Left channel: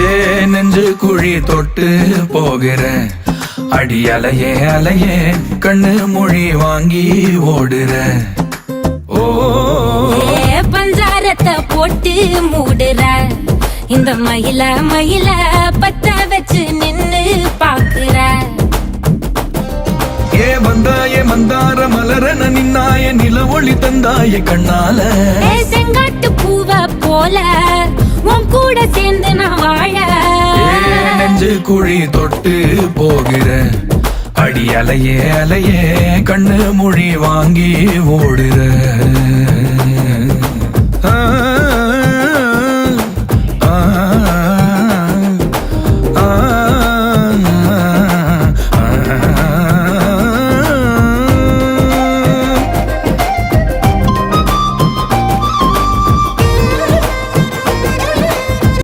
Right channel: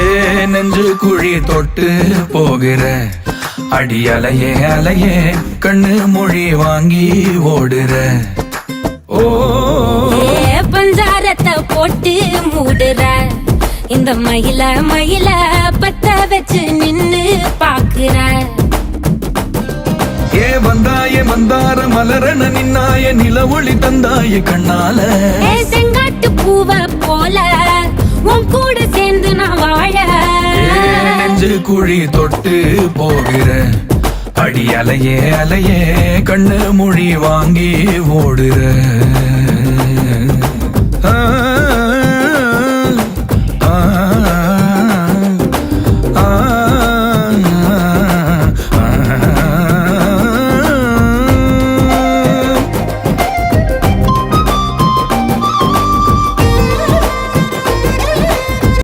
ஏ நெஞ்சு குழி தொட்டு போகிற அடி அலையே அலையே கண்ணு மொழி வாங்கி ஓடுற. ஓ பஞ்சாரத்தை போட்டு மூடுற இந்த மயில மயில பத்த வச்சு நின்னு பாக்குற. ஏ வந்தாய மந்தார மலரன நின்னாய நில ஒளி தந்தாய கண்ணால. செங்காட்டு பூவ போல உன் கூட சேர்ந்து நான் வாழ. நெஞ்சு குழி தொட்டு போகிற அடி அலையே அலையே கண்ணு மொழி வாங்கி ஓடுற.